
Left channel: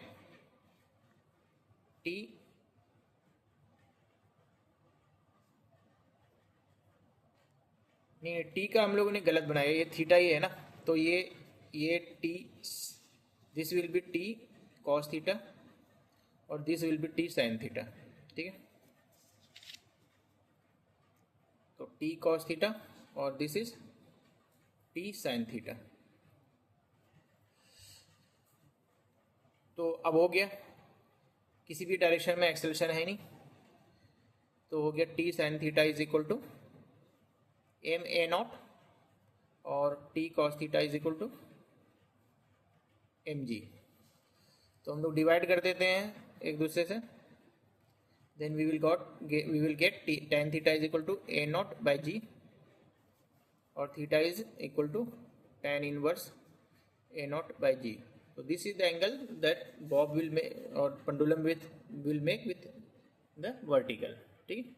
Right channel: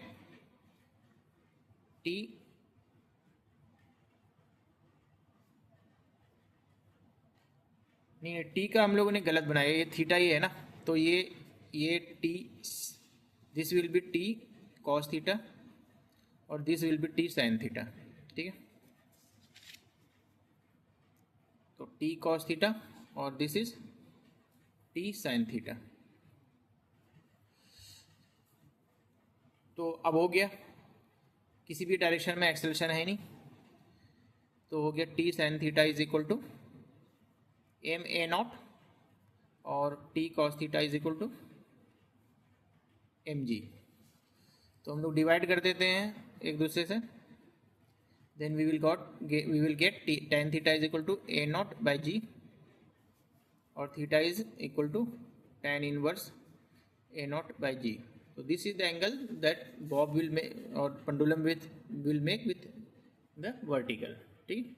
t नहीं, टी का हम लोगों ने गलत बनाया, ये थीटा ही है ना, तो ये T, this will be T cos theta और this will be T sine theta. ठीक है, तो टी कॉस थीटा और this is T sine theta. तो अब हो गया, किसी भी डायरेक्शन में एक्सेलरेशन है नहीं, तो हो गया T sine theta is equal to m a naught और t cos theta is equal to mg। तो हम लोग डिवाइड कर देते हैं एक दूसरे से, then we will get tan theta is equal to a naught by g और theta is equal to tan inverse a naught by g। तो this is the angle that bob will make और pendulum will make with the vertical. ठीक,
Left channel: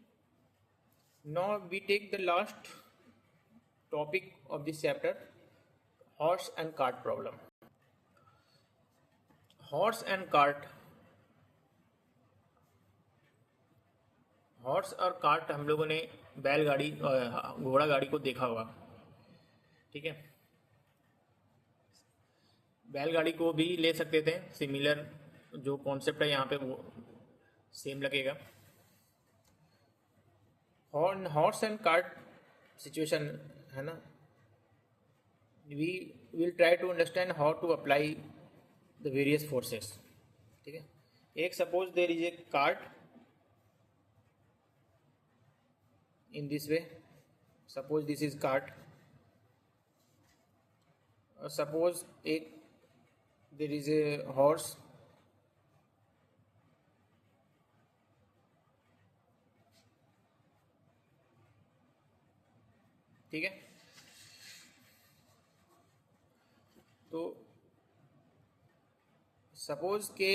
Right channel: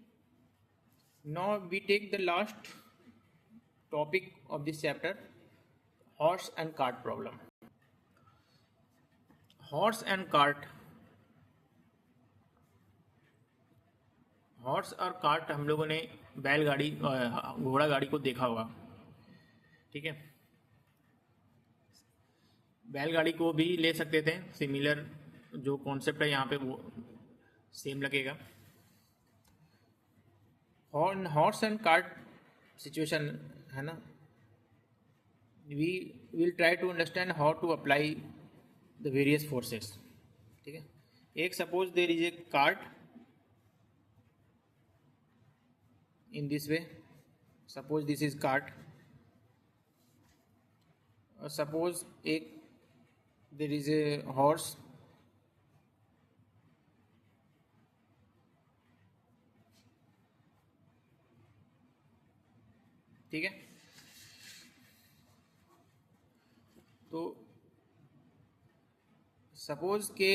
now we take the last topic of this chapter, horse and cart problem। horse and cart, horse और cart हम लोगों ने बैलगाड़ी, घोड़ा गाड़ी को देखा होगा। ठीक है, बैलगाड़ी को भी ले सकते थे, सिमिलर जो कॉन्सेप्ट है यहाँ पे वो सेम लगेगा। हॉर्स एंड कार्ट सिचुएशन है ना, we will try to understand how to apply the various forces. ठीक है, एक suppose there is a cart in this way, suppose this is cart, suppose एक देयर इज ए हॉर्स, ठीक है, तो suppose के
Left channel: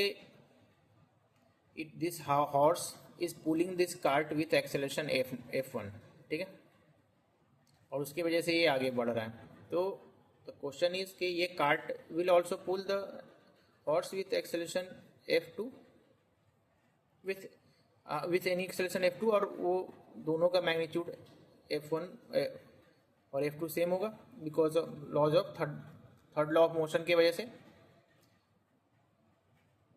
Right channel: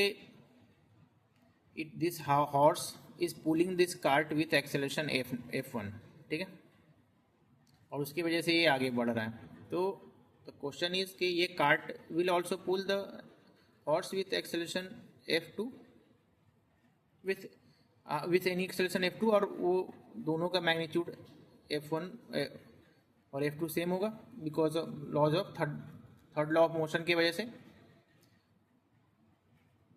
this horse is pulling this cart with acceleration f1। ठीक है, और उसकी वजह से ये आगे बढ़ रहा है। तो द क्वेश्चन इज कि ये cart will also pull the horse with acceleration f2 with any acceleration f2, और वो दोनों का मैग्नीट्यूड f1 और f2 सेम होगा because of laws of third law of motion की वजह से।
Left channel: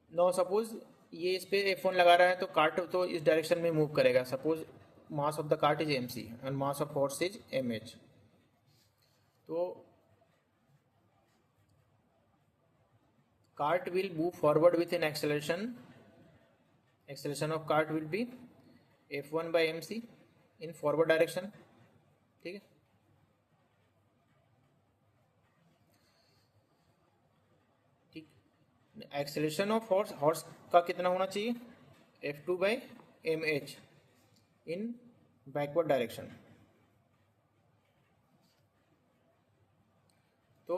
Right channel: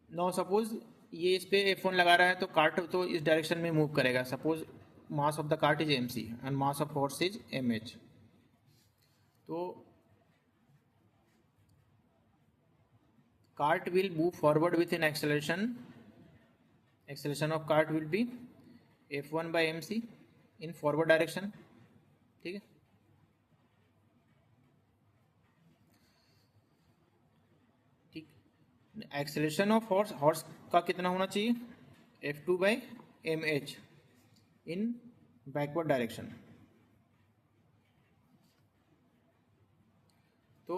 नो सपोज ये इस पे f1 लगा रहा है तो कार्ट तो इस डायरेक्शन में मूव करेगा। Suppose mass of the cart is mc and mass of horse is mh, तो cart will move forward with an acceleration acceleration of cart will be F1/mc in forward direction, ठीक है। ठीक, acceleration of horse का कितना होना चाहिए, F2/mh इन backward direction. तो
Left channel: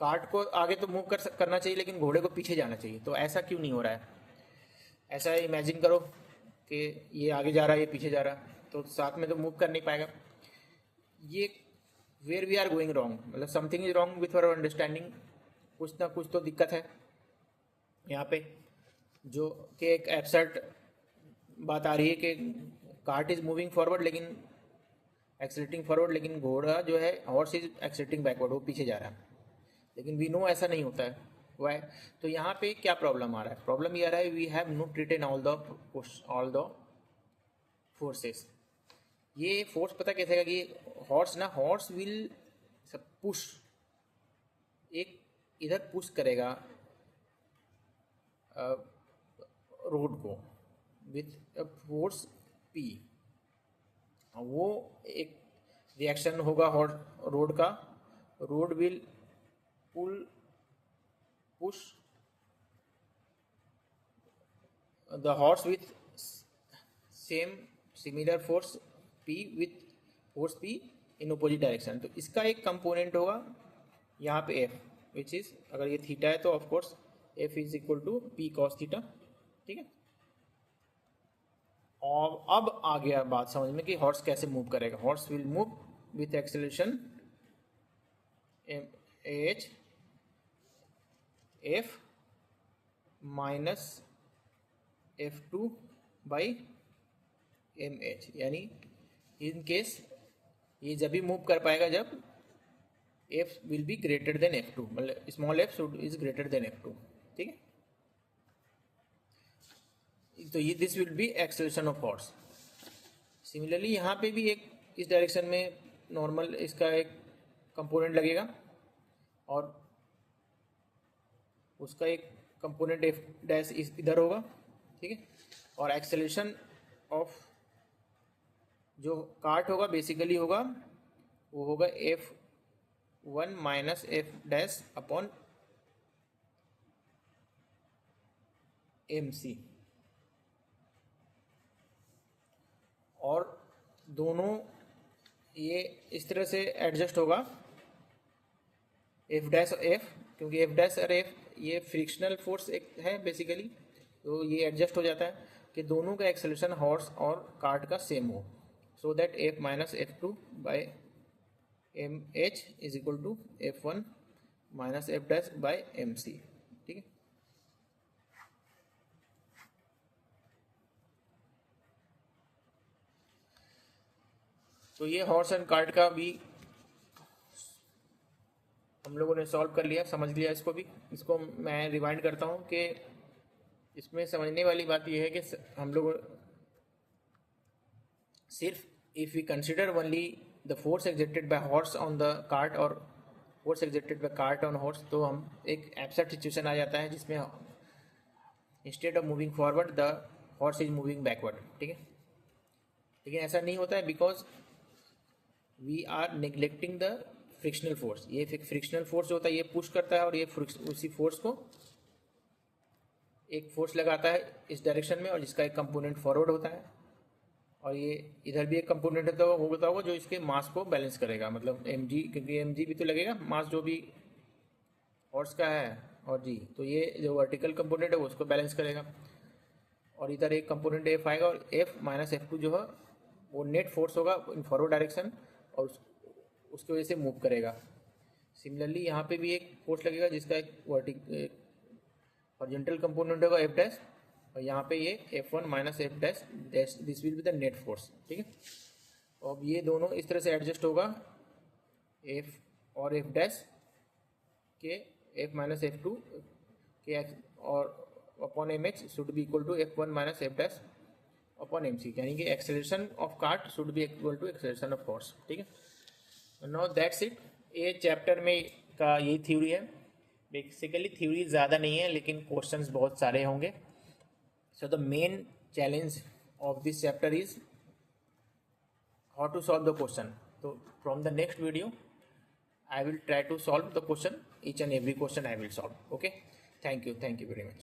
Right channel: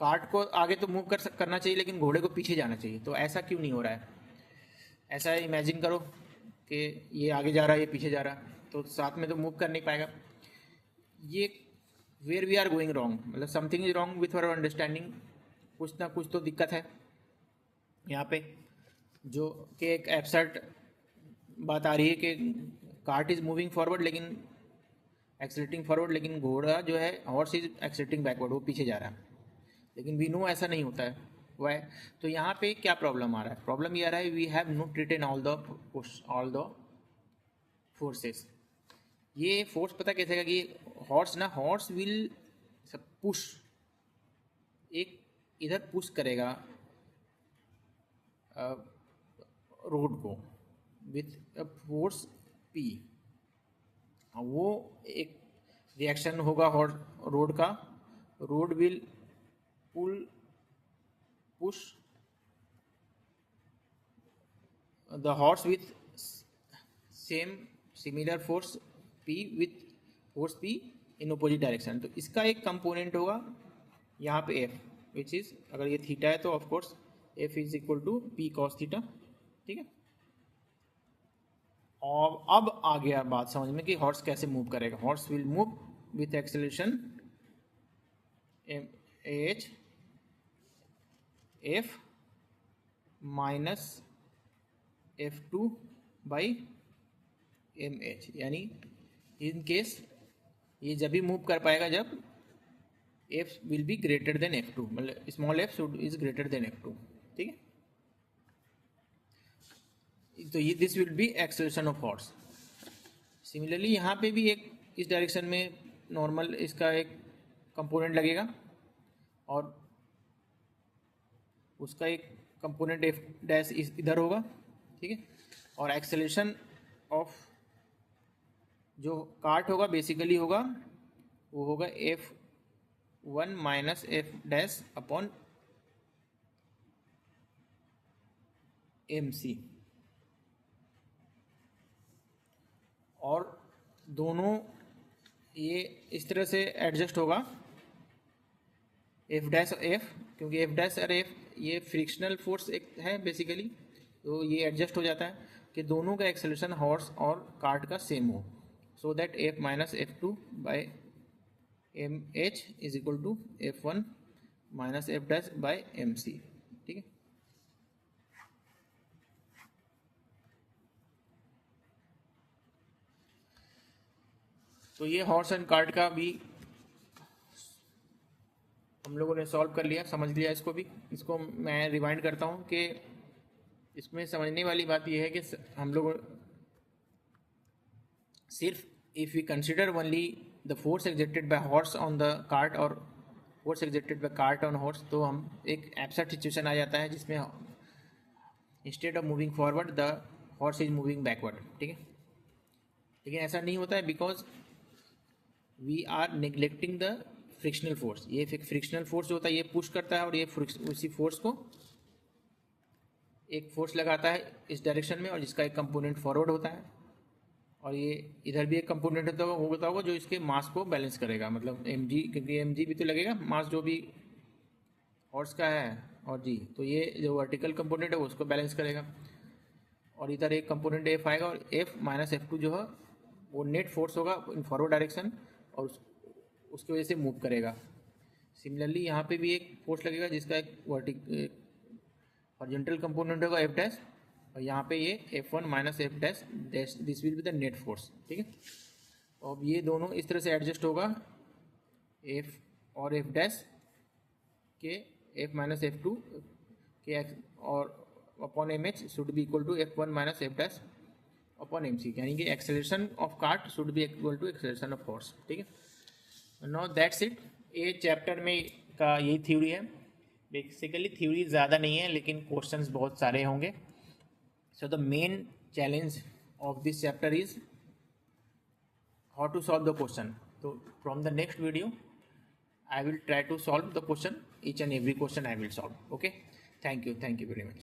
cart को आगे तो मूव करना चाहिए, लेकिन घोड़े को पीछे जाना चाहिए। तो ऐसा क्यों नहीं हो रहा है? ऐसा इमेजिन करो कि ये आगे जा रहा है, ये पीछे जा रहा है, तो साथ में तो मूव कर नहीं पाएगा। ये where we are going wrong, मतलब something is wrong with our understanding. कुछ ना कुछ तो दिक्कत है यहाँ पे, जो कि एक एब्सर्ड बात आ रही है कि कार्ट इज मूविंग फॉरवर्ड लेकिन एक्सीलरेटिंग फॉरवर्ड, लेकिन घोड़ा जो है हॉर्स इज एक्सीलरेटिंग बैकवर्ड, वो पीछे जा रहा है। लेकिन वी नो ऐसा नहीं होता है, वाई? तो यहाँ पे क्या प्रॉब्लम आ रहा है? प्रॉब्लम ये आ रहा है we have not written all the forces. ये फोर्स पता कैसे है कि हॉर्स विल पुश, एक इधर पुश करेगा रोड को विथ फोर्स P, वो एक रिएक्शन होगा रोड का, road will push the horse with similar force P with force P in opposite direction. तो इसका एक कंपोनेंट होगा यहाँ पे F, विच इज, अगर ये थीटा है तो of course F is equal to P cos theta, ठीक है। और अब आ गया बात समझ में कि हॉर्स कैसे मूव करेगा। Horse will move with acceleration h F minus F2/mh, यानी इन केस ये जब भी मूव कर पाएगा जब F will be greater than F2, मतलब small f is greater than F2, ठीक है। तो ये this will B acceleration of horse. Similarly यहाँ पे भी एक इस डायरेक्शन में नॉर्मल इसका एक कंपोनेंट लगेगा और उसका एक कंपोनेंट F डैश इधर होगा, ठीक है। और एक्सेलरेशन ऑफ जो कार्ट होगा बेसिकली होगा, वो होगा F1 minus F dash upon MC, और दोनों ये इस तरह से एडजस्ट होगा F डैश F, क्योंकि F डैश और F ये फ्रिक्शनल फोर्स एक है बेसिकली, तो ये एडजस्ट हो जाता है कि दोनों का एक्सेलरेशन हॉर्स और कार्ट का सेम हो, so that F minus F2/mh is equal to F1 minus F dash by MC, ठीक है। तो ये हॉर्स एंड कार्ट का भी हम लोगों ने सॉल्व कर लिया, समझ लिया इसको भी। इसको मैं रिवाइंड करता हूँ कि इसमें समझने वाली बात यह है कि हम लोग सिर्फ if we consider only the force exerted by horse on the cart और force exerted by cart on horse, तो हम एक एब्सर्ड सिचुएशन आ जाता है जिसमें instead of moving forward the horse is moving backward, ठीक है। लेकिन ऐसा नहीं होता है because we are neglecting the frictional force. ये फ्रिक्शनल फोर्स जो होता है ये पुश करता है और ये उसी फोर्स को एक फोर्स लगाता है इस डायरेक्शन में, और जिसका एक कंपोनेंट फॉरवर्ड होता है, और ये इधर भी एक कंपोनेंट होता होगा जो इसके मास को बैलेंस करेगा, मतलब mg, क्योंकि mg भी तो लगेगा मास जो भी हॉर्स का है, और जी, तो ये जो वर्टिकल कंपोनेंट है वो उसको बैलेंस करेगा। और इधर एक कंपोनेंट F आएगा और F माइनस F2 जो है वो नेट फोर्स होगा इन फॉरवर्ड डायरेक्शन और उसकी वजह से मूव करेगा। सिमिलरली यहाँ पे भी एक फोर्स लगेगा जिसका एक हॉरिजॉन्टल कंपोनेंट होगा F डैश, और यहाँ पे ये F1 minus F dash, this will be the net force, ठीक है। अब ये दोनों इस तरह से एडजस्ट होगा F और F डैश के F माइनस F2 के और upon MH should be equal to F1 minus F dash upon MC, यानी कि acceleration of cart should be equal to acceleration of horse, ठीक है। No that's it. ये chapter में का यही थ्योरी है। बेसिकली थ्योरी ज़्यादा नहीं है लेकिन क्वेश्चंस बहुत सारे होंगे, So the main challenge of this chapter is how to solve the question. So from the next video, I will try to solve the question, each and every question I will solve. Okay. Thank you very much.